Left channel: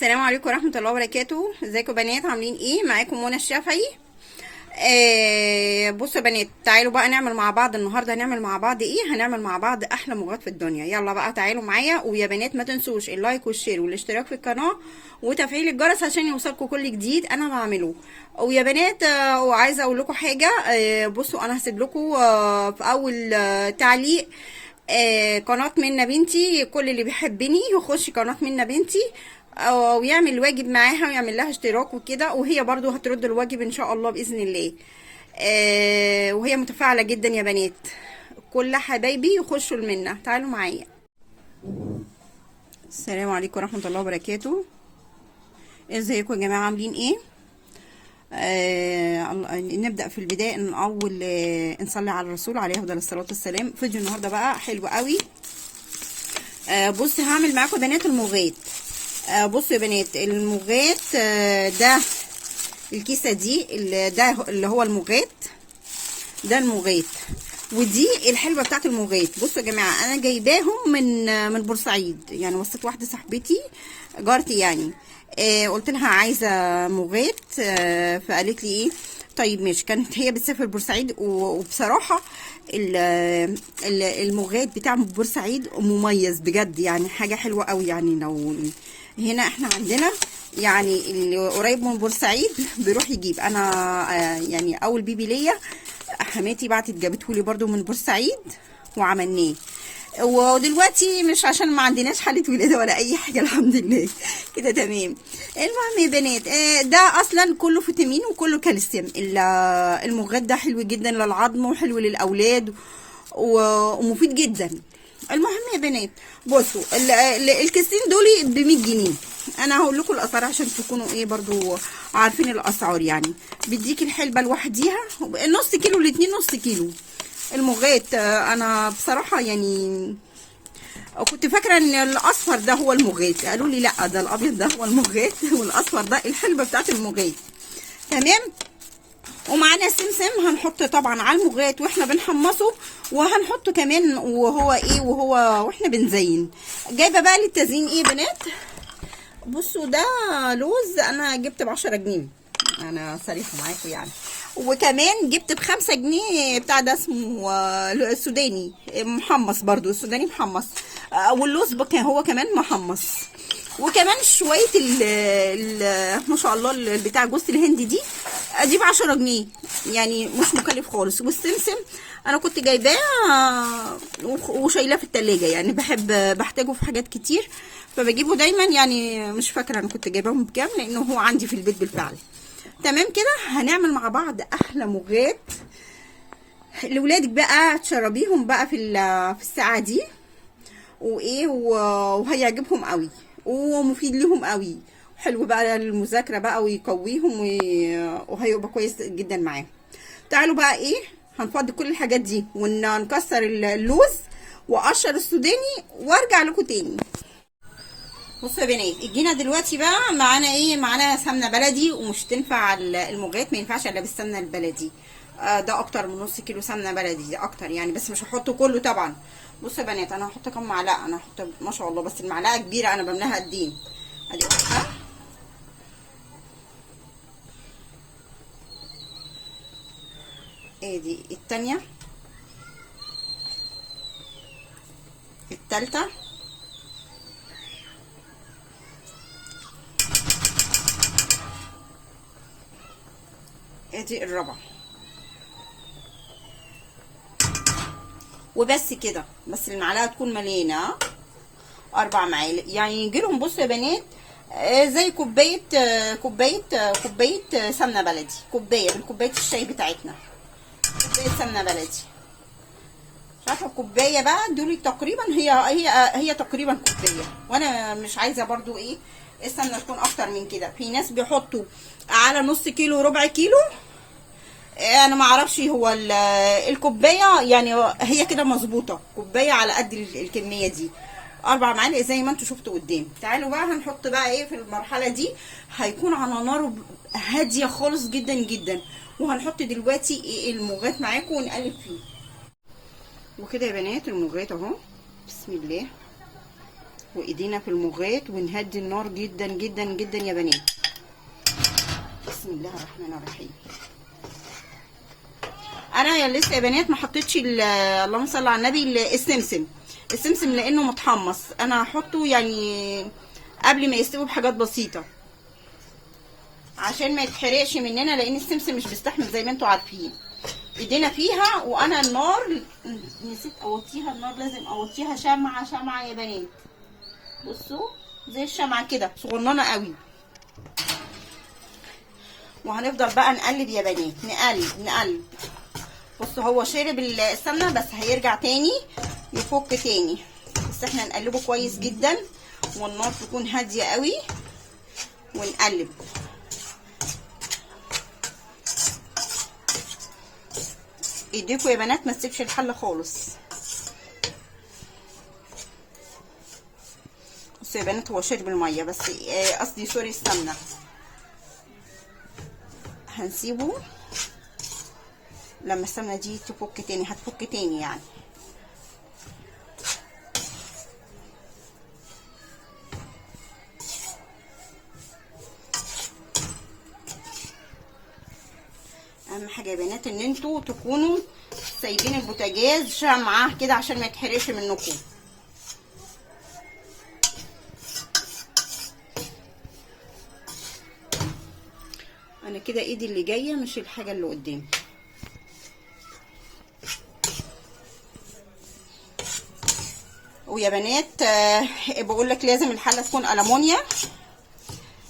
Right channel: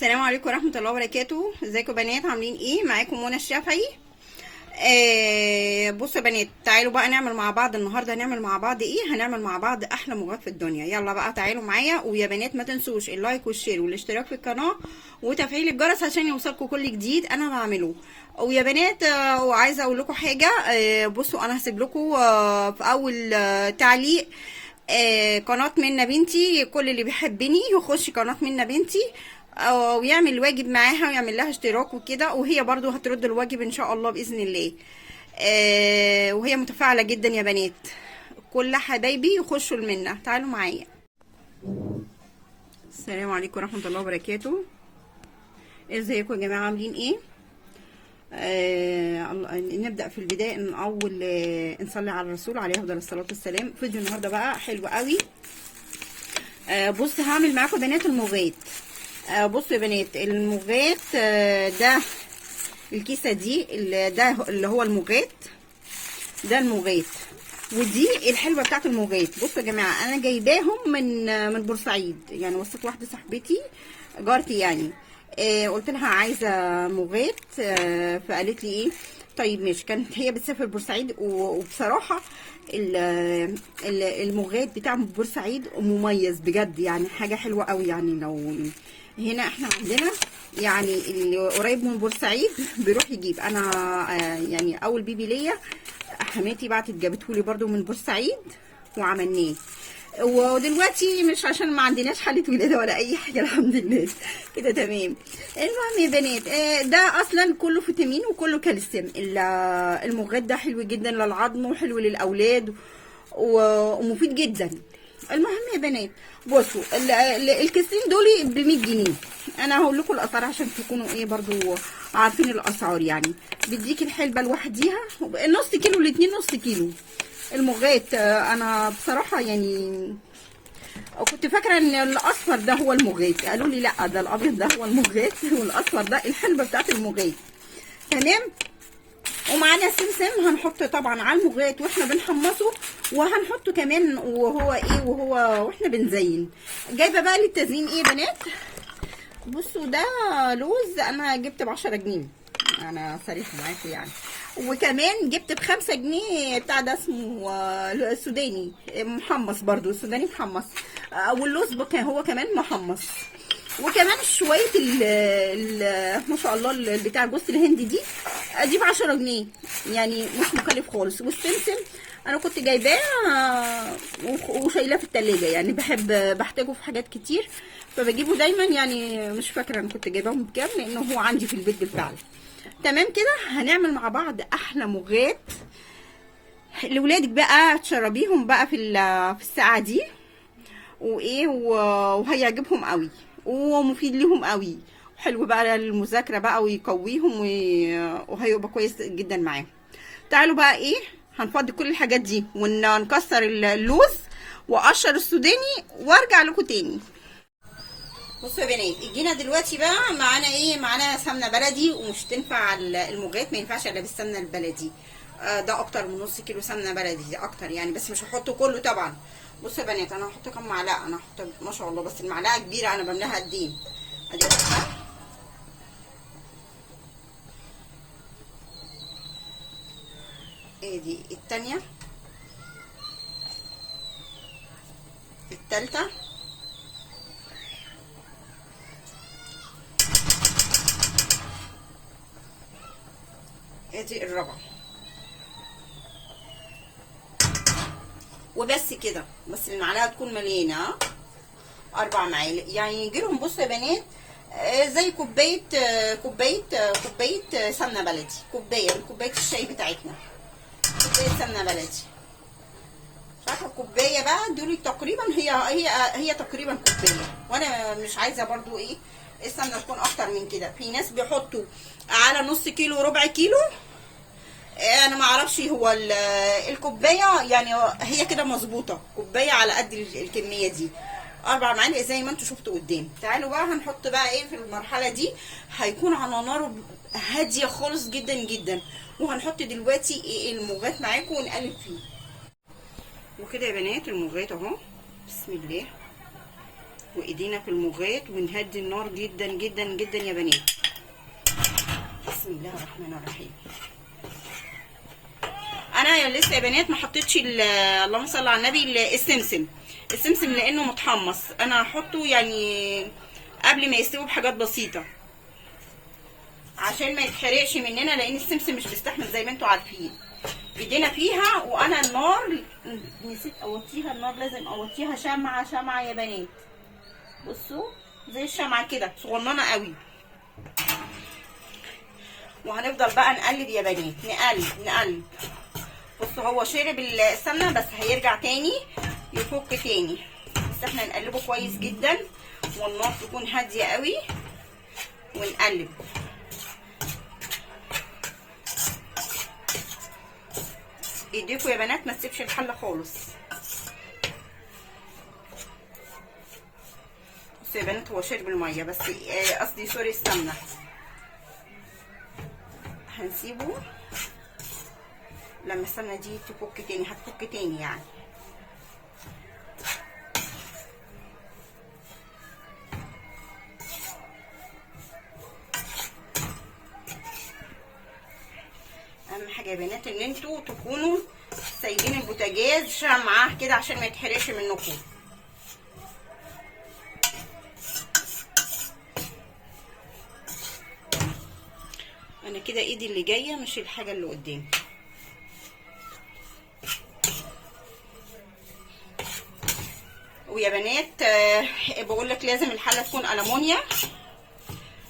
السلام عليكم ورحمة الله وبركاته. ازيكم بنات؟ عاملين ايه؟ معاكم منى الشافعي. بصوا يا بنات، تعالوا بقى نعمل مع بعض النهارده. هنعمل مع بعض ايه؟ هنعمل مع بعض احلى مغات في الدنيا. يلا بقى تعالوا معايا. ويا بنات ما تنسوش اللايك والشير والاشتراك في القناة وتفعيل الجرس عشان يوصلكم كل جديد انا بعمله. ويا بنات وعايزه اقول لكم حاجه. بصوا انا هسيب لكم في اول تعليق قناة منى بنتي. كل اللي بيحبني يخش قناة منى بنتي ويعمل الواجب معاها ويعمل لها اشتراك وكده، وهي برضو هترد الواجب ان شاء الله باذن الله. وهي متفاعله جدا يا بنات. كل حبايبي يخشوا المنة. تعالوا معايا. السلام عليكم ورحمه الله وبركاته. ازيكم يا جماعه؟ عاملين ايه؟ نبدا في البدايه ان اول نصلي على الرسول عليه افضل الصلاه والسلام. فيديو النهارده بقى حلو قوي. بصي هعمل معاكم بنات المغات. بصوا يا بنات المغات. ده الكيسه دي ده اللي هو المغات. ده المغات ودي الحلوه بتاعت المغات. بصوا يا جماعه انا جايباهم من بورسعيد. يعني وصلت واحده صاحبتي جارتي يعني. قلت لها عايزه مغات. فقالت لي ايه طيب ماشي. كانت هي بتسافر بورسعيد وبصراحه المغات بتاع بورسعيد مميز بجد. يعني حاجه حلوه قوي. يعني لو هنا احنا عندنا يعني اللي قريب من بورسعيد بيروح يجيب. انا يعني اول بيبي ليا حماتي بعتت جابته لي برده من بورسعيد وعملناه. ودلوقتي مش عشان ما عندناش حاله ولاده ولا اي حاجه، الحمد لله كده تمام. المهم يا بنات ده اصلا كله فيتامين وكله كالسيوم. المغات ده حلو جدا للعظم وحلو للاولاد ومفيد جدا. المهم يا بنات بصوا الكيسين دول ب 100 جنيه. انا هقول لكم الاسعار عشان تكونوا ايه برضو عارفين الاسعار. يعني بيديك الحلبه لوحديها نص كيلو الاتنين نص كيلو. المغات انا بصراحه يعني كنت فاكره ان الاصفر ده هو المغات. قالوا لي لا ده الابيض ده هو المغات والاصفر ده الحلبه بتاعت المغات. تمام. ومعانا سمسم هنحط طبعا على المغات واحنا بنحمصه، وهنحطه كمان وهو ايه واحنا بنزين. جايبه بقى للتزيين ايه يا بنات؟ بصوا ده لوز انا جبت ب10 جنيه. انا صريحه معاكم يعني. وكمان جبت ب5 جنيه بتاع ده اسمه السوداني محمص. برضو السوداني محمص. واللوز هو كمان محمص. وكمان شويه ما شاء الله بتاع جوز الهند دي اجيب 10 جنيه. يعني مش مكلف خالص. والسمسم انا كنت جايباه وشايلاه في التلاجة. يعني بحتاجه في حاجات كتير فبجيبه دايما. يعني مش فاكره انا كنت جايباهم بكام لانه هو عندي في البيت بالفعل. تمام كده. هنعمل مع بعض احلى مغات لاولادك بقى تشربيهم بقى في الساعه دي وايه وهيعجبهم قوي ومفيد لهم قوي. حلو بقى للمذاكره بقى ويقويهم وهيبقى كويس جدا معاهم. تعالوا بقى ايه هنفضي كل الحاجات دي ونكسر اللوز واقشر السوداني وارجع لكم تاني. بصوا يا بنات جينا دلوقتي بقى معانا ايه؟ معانا سمنه بلدي. ومش تنفع المغات ما ينفعش الا بالسمنه البلدي. ده اكتر من نص كيلو سمنه بلدي. دي اكتر يعني بس مش هحطه كله طبعا. بصوا يا بنات انا هحط كام معلقه. انا هحط ما شاء الله بس المعلقه كبيره. انا بملاها قد ايه؟ ادي واحده. ادي التانيه. التالته. ادي الرابعه. وبس كده. بس المعلقه تكون مليانه 4 معالق. يعني يجيلهم بصوا يا بنات زي كوبايه سمنه بلدي. كوبايه من كوبايه الشاي بتاعتنا. كوبايه سمنه بلدي. شايفه الكوبايه بقى دول تقريبا هي تقريبا كوبايه. وانا مش عايزه برضو ايه السمنه تكون اكتر من كده. في ناس بيحطوا على نص كيلو ربع كيلو. انا ما اعرفش هو الكوبايه يعني هي كده مظبوطه. كوبايه على قد الكميه دي. 4 معالق زي ما انتم شفتوا قدام. تعالوا بقى هنحط بقى ايه في المرحله دي. هيكون على نار هاديه خالص جدا جدا. وهنحط دلوقتي ايه المغات معاكم ونقلب فيه. وكده يا بنات المغات اهو. بسم الله. وايدينا في المغات ونهدي النار جدا جدا جدا يا بنات. بسم الله الرحمن الرحيم. انا لسه يا بنات ما حطيتش اللهم صل على النبي السمسم لانه متحمص. انا هحطه يعني قبل ما يستوي بحاجات بسيطه عشان ما يتحرقش مننا، لان السمسم مش بيستحمل زي ما انتوا عارفين. ايدينا فيها. وانا النار نسيت اوطيها، النار لازم اوطيها شمعه يا بنات. بصوا زي الشمعه كده صغننه قوي. وهنفضل بقى نقلب يا بنات، نقلب. بصوا هو شرب السمنه بس هيرجع تاني يفك تاني، بس احنا نقلبه كويس جدا والنار تكون هاديه قوي ونقلب. ايديكوا يا بنات ما تسيبش الحله خالص. بصوا يا بنات هو شرب الميه بس قصدي سوري السمنه. هنسيبه لما السمنه دي تفك تاني، هتفك تاني يعني. اهم حاجه يا بنات ان انتوا تكونوا سايبين البوتاجاز شمعه كده عشان ما يتحرقش منكم. انا كده ايدي اللي جايه مش الحاجه اللي قدامي. ويا بنات بقول لك لازم الحله تكون ألمونيا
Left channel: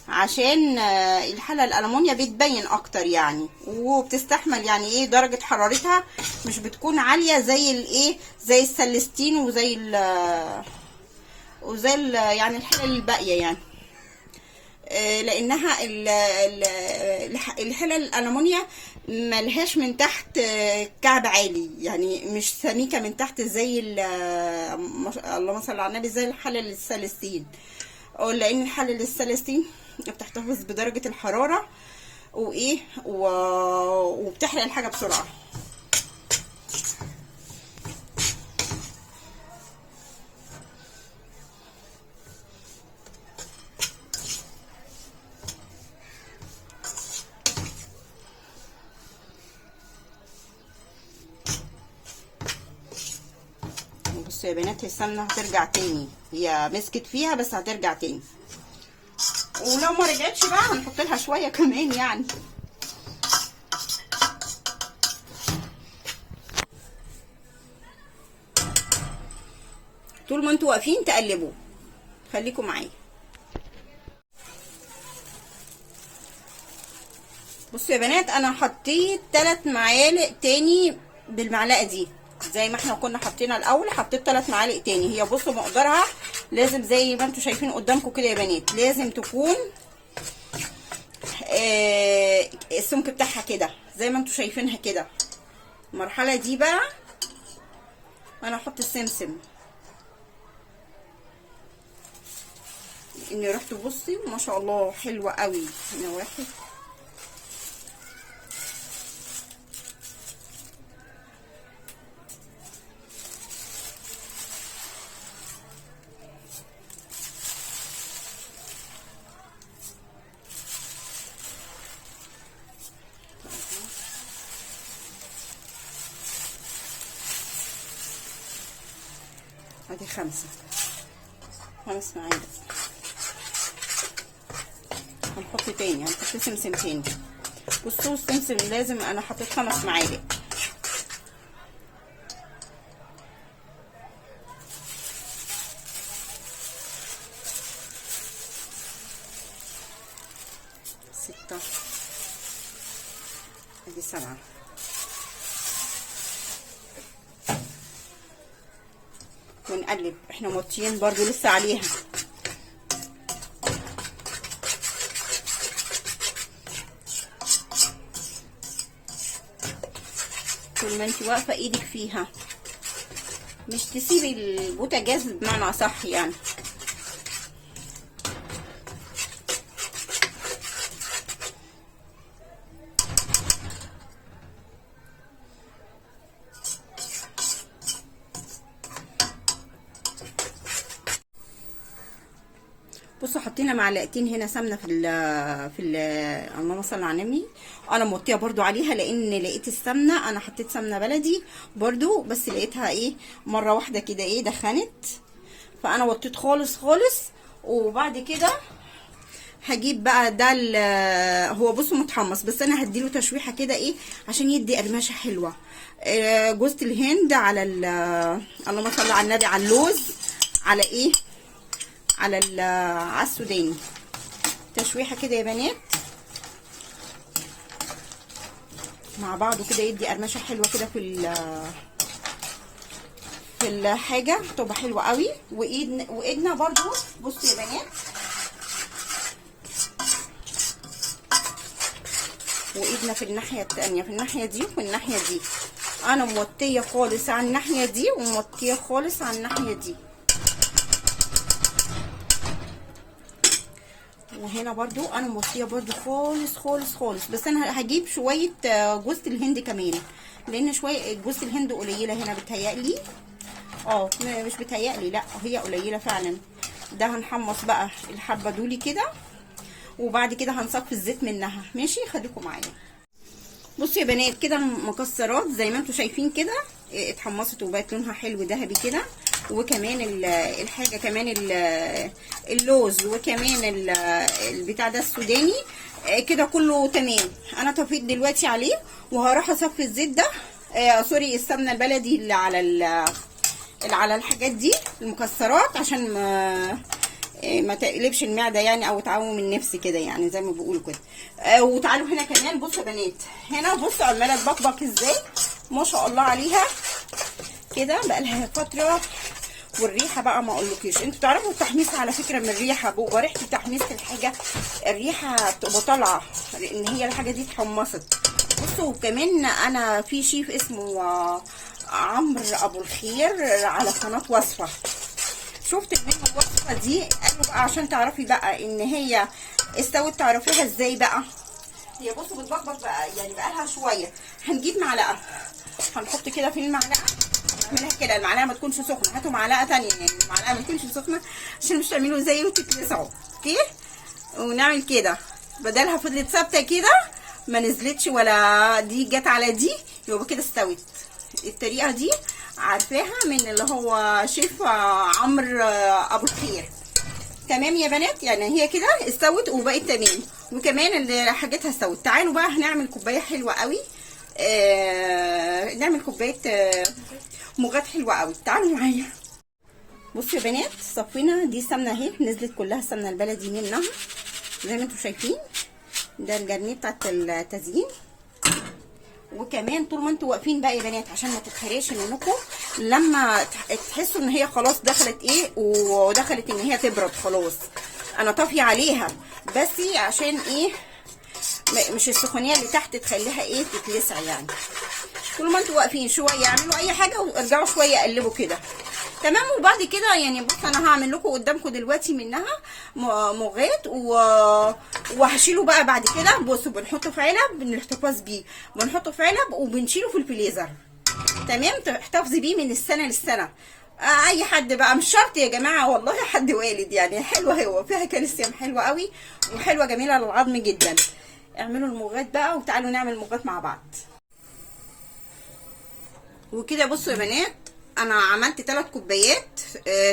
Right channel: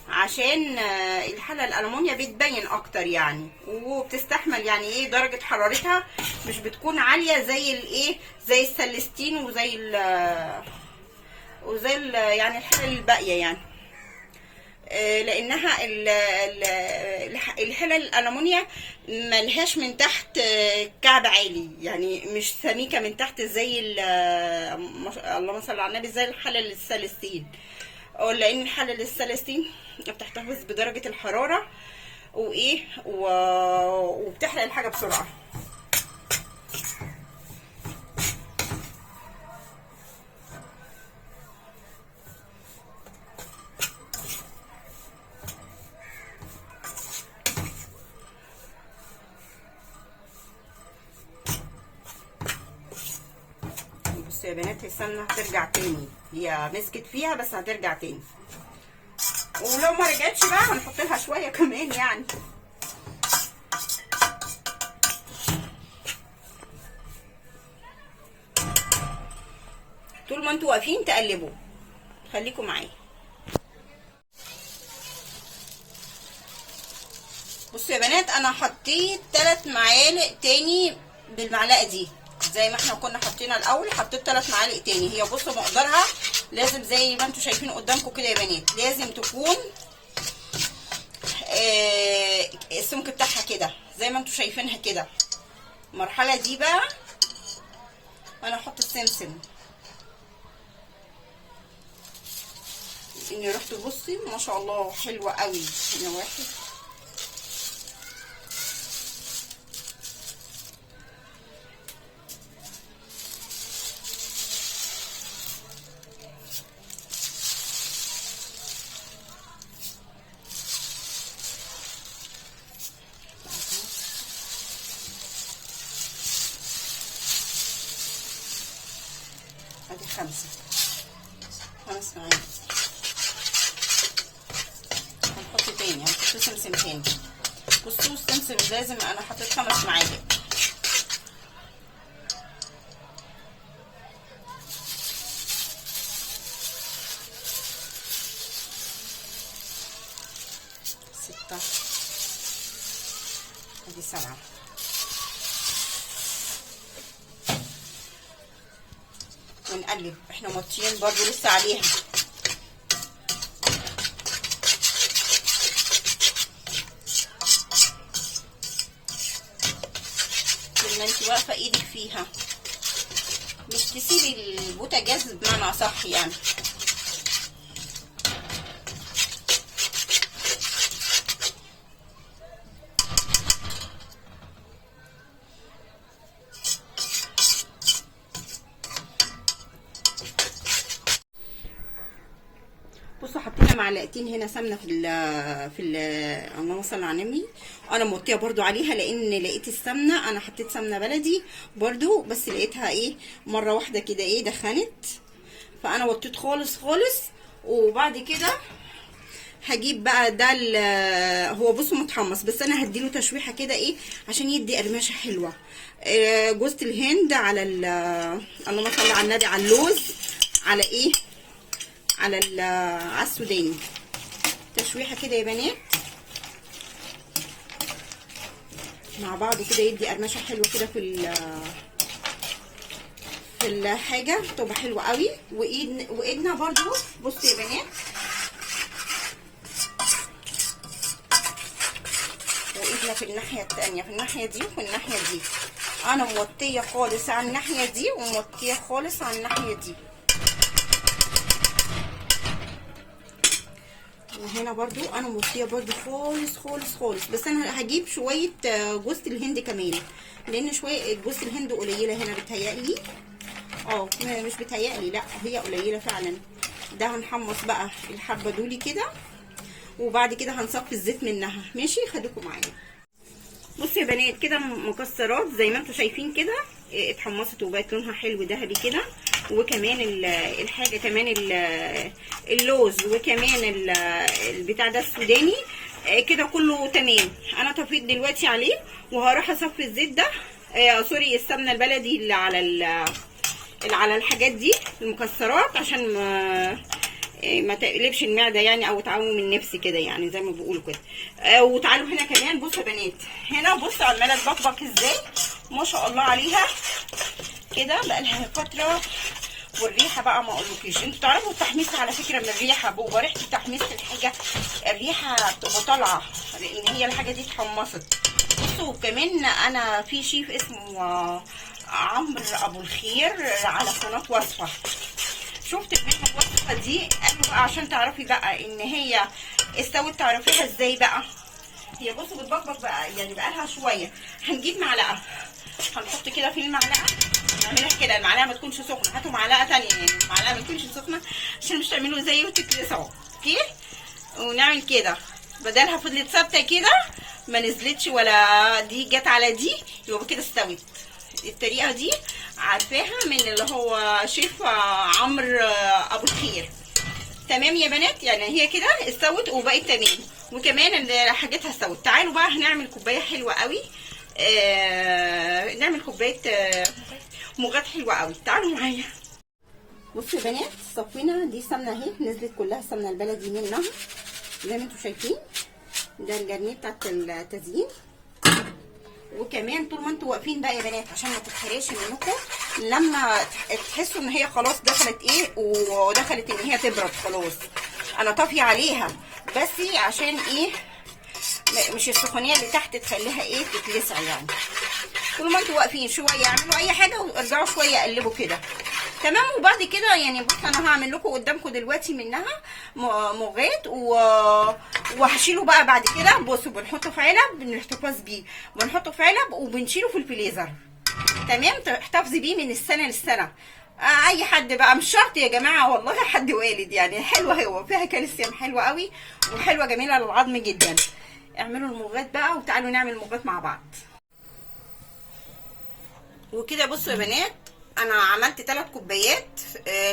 عشان الحله الألمونيا بتبين اكتر يعني، وبتستحمل يعني ايه درجه حرارتها مش بتكون عاليه زي الايه زي السلستين وزي يعني الحله الباقيه يعني. لانها الحله الألمونيا ملهاش من تحت كعب عالي يعني، مش سميكه من تحت زي اللهم صل على النبي زي الحله السلستين. لان الحله السلستين بتحتفظ بدرجه الحراره وايه وبتحرق الحاجه بسرعه. بصوا يا بنات السمنه هترجع تاني، هي مسكت فيها بس هترجع تاني، ولو ما رجعتش بقى هنحط لها شويه كمان يعني. طول ما انتوا واقفين تقلبوا، خليكم معايا. بصوا يا بنات انا حطيت 3 معالق تاني بالمعلقه دي زي ما احنا كنا حاطينها الاول، حطيت 3 معالق تاني. هي بصوا مقدارها لازم زي ما انتوا شايفين قدامكم كده يا بنات، لازم تكون السمك بتاعها كده زي ما انتوا شايفينها كده. المرحله دي بقى انا هحط السمسم ان ريحته بصي ما شاء الله حلوه قوي. هنا واحد، ادي 5 معالق. هنحط تاني، هنحط سمسم تاني. بصوا السمسم لازم انا حطيت 5 معالق. ادي 7. ونقلب، احنا موطيين برضو لسه عليها. طول ما انت واقفه ايدك فيها، مش تسيبي البوتاجاز بمعنى صح يعني. معلقتين هنا سمنه اللهم صل على النبي. انا موطيه برضو عليها لان لقيت السمنه، انا حطيت سمنه بلدي برضو بس لقيتها ايه مره واحده كده ايه دخنت، فانا وطيت خالص خالص. وبعد كده هجيب بقى ده هو بصوا متحمص، بس انا هديله تشويحه كده ايه عشان يدي قرمشه حلوه. جوز الهند على اللهم صل على النبي، على اللوز، على ايه، على السوداني، تشويحه كده يا بنات مع بعض كده يدي قرمشه حلوه كده في الحاجه، تبقى حلوه قوي. وايدنا برضو بصوا يا بنات، وايدنا في الناحيه التانيه، في الناحيه دي وفي الناحيه دي. انا موطيه خالص على الناحيه دي وموطيه خالص على الناحيه دي، وهنا برضو انا موطيه برضو خالص خالص خالص. بس انا هجيب شويه جوز الهند كمان، لان شويه جوز الهند قليله هنا بتهيألي، مش بتهيألي، لا هي قليله فعلا. ده هنحمص بقى الحبه دولي كده، وبعد كده هنصفي الزيت منها. ماشي، خليكم معايا. بصوا يا بنات كده المكسرات زي ما انتم شايفين كده اتحمصت وبقت لونها حلو ذهبي كده، وكمان الحاجه كمان اللوز، وكمان البتاع ده السوداني كده كله تمام. انا طفيت دلوقتي عليه وهروح اصفي الزيت ده، سوري السمنه البلدي اللي على الحاجات دي المكسرات، عشان ما تقلبش المعده يعني، او تعوم النفس كده يعني زي ما بيقولوا كده. وتعالوا هنا كمان بصوا يا بنات، هنا بصوا عماله تبقبق ازاي ما شاء الله عليها كده، بقى لها فتره. والريحه بقى ما اقولكيش، انتوا تعرفوا التحميص على فكره من الريحه، بقى ريحه التحميص الحاجه الريحه بتبقى طالعه لان هي الحاجه دي اتحمصت. بصوا كمان انا في شيف اسمه عمرو ابو الخير على قناه وصفه، شفت منه الوصفه دي، قالوا بقى عشان تعرفي بقى ان هي استوت تعرفيها ازاي بقى. هي بصوا بتبقبق بقى يعني بقى لها شويه. هنجيب معلقه، هنحط كده في المعلقه، نعملها كده، المعلقه ما تكونش سخنه، هاتوا معلقه ثانيه يعني المعلقه ما تكونش سخنه عشان مش تعملوا زي وتتلسعوا. اوكي، ونعمل كده بدلها فضلت ثابته كده ما نزلتش ولا دي جت على دي، يبقى كده استوت. الطريقه دي عارفاها من اللي هو شيف عمرو ابو الخير. تمام يا بنات، يعني هي كده استوت وبقت تمام، وكمان حاجتها استوت. تعالوا بقى هنعمل كوبايه حلوه قوي، نعمل كوبايه مغات حلوه قوي. تعالوا معايا. بصوا يا بنات، صفينا دي سمنه اهي، نزلت كلها السمنه البلدي منها زي ما انتم شايفين. ده الجرنيه بتاعت التزيين. وكمان طول ما انتوا واقفين بقى يا بنات عشان ما تتحرقش منكم، لما تحسوا ان هي خلاص دخلت ايه ودخلت ان هي تبرد خلاص، انا طافيه عليها بس عشان ايه مش السخونيه اللي تحت تخليها ايه تتلسع يعني. طول ما انتوا واقفين شويه اعملوا اي حاجه وارجعوا شويه قلبوا كده تمام. وبعد كده يعني بصوا انا هعمل لكم قدامكم دلوقتي منها مغات وهشيله بقى بعد كده. بصوا بنحطه في علب بنحتفظ بيه، بنحطه في علب وبنشيله في الفريزر تمام، تحتفظي بيه من السنه للسنه. اي حد بقى مش شرط يا جماعه والله، حد والد يعني حلوه، هو فيها كالسيوم حلوه قوي وحلوه جميله للعظم جدا. اعملوا المغات بقى وتعالوا نعمل المغات مع بعض. وكده بصوا يا بنات انا عملت 3 كوبايات،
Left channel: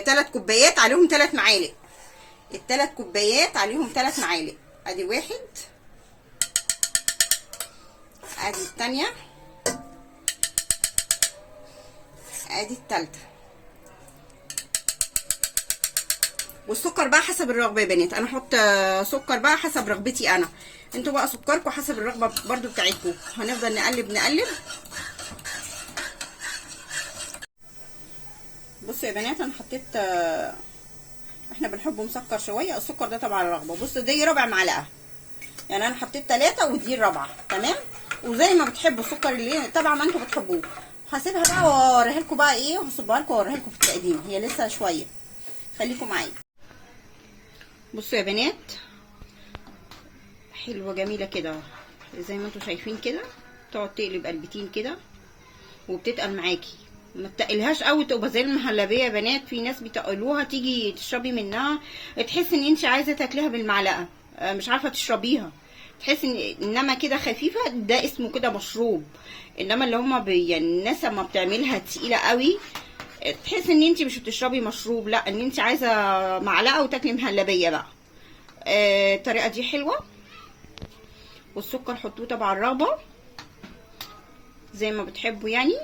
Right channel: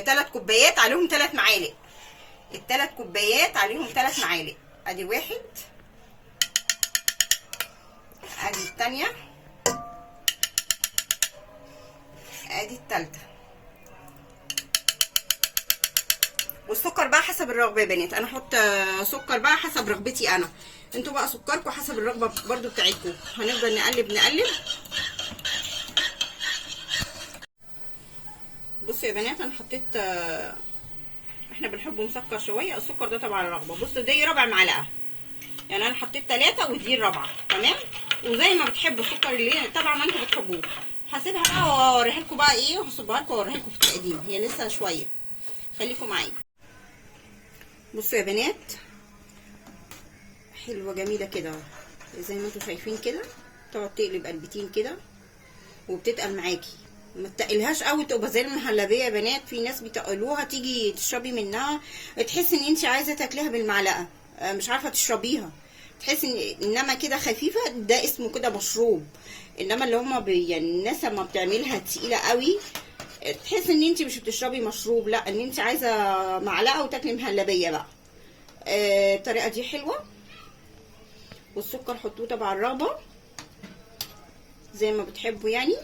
3 كوبايات عليهم 3 معالق، ال3 كوبايات عليهم 3 معالق. ادي واحد، ادي الثانيه، ادي الثالثه. والسكر بقى حسب الرغبه يا بنات، انا احط سكر بقى حسب رغبتي انا، انتوا بقى سكركم حسب الرغبه برضو بتاعتكم. هنفضل نقلب نقلب. بصوا يا بنات انا حطيت، احنا بنحبه مسكر شويه، السكر ده طبعا الرغبه. بصوا دي ربع معلقه، يعني انا حطيت 3 ودي الرابعه تمام. وزي ما بتحبوا السكر اللي طبعا ما انتوا بتحبوه. هسيبها بقى واوريها لكم بقى ايه، وهصبها لكم واوريها لكم في التقديم، هي لسه شويه، خليكم معايا. بصوا يا بنات حلوه جميله كده زي ما انتوا شايفين كده، تقعد تقلب قلبتين كده وبتتقل معاكي ما تقلهاش قوي تبقى زي المهلبيه يا بنات. في ناس بيتقلوها تيجي تشربي منها تحس ان انت عايزه تاكليها بالمعلقه، مش عارفه تشربيها، تحس انما كده خفيفه، ده اسمه كده مشروب. انما اللي هما يعني الناس لما بتعملها تقيله قوي تحس ان انت مش بتشربي مشروب، لا، ان انت عايزه معلقه وتاكلي مهلبيه بقى. الطريقه دي حلوه. والسكر حطوه طبعا الرغبه زي ما بتحبوا يعني.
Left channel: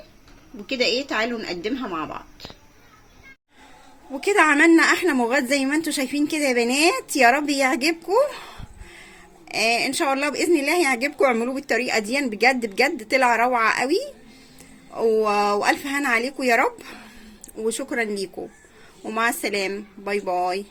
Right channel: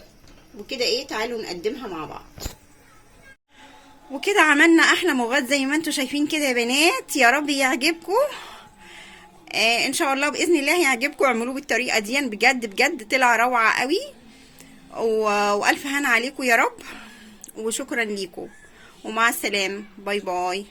وكده ايه، تعالوا نقدمها مع بعض. وكده عملنا احلى مغاد زي ما انتم شايفين كده يا بنات. يا رب يعجبكم. ان شاء الله باذن الله يعجبكم. اعملوه بالطريقه دي بجد بجد طلع روعه قوي. والف هنا عليكم يا رب. وشكرا ليكم ومع السلامه. باي باي.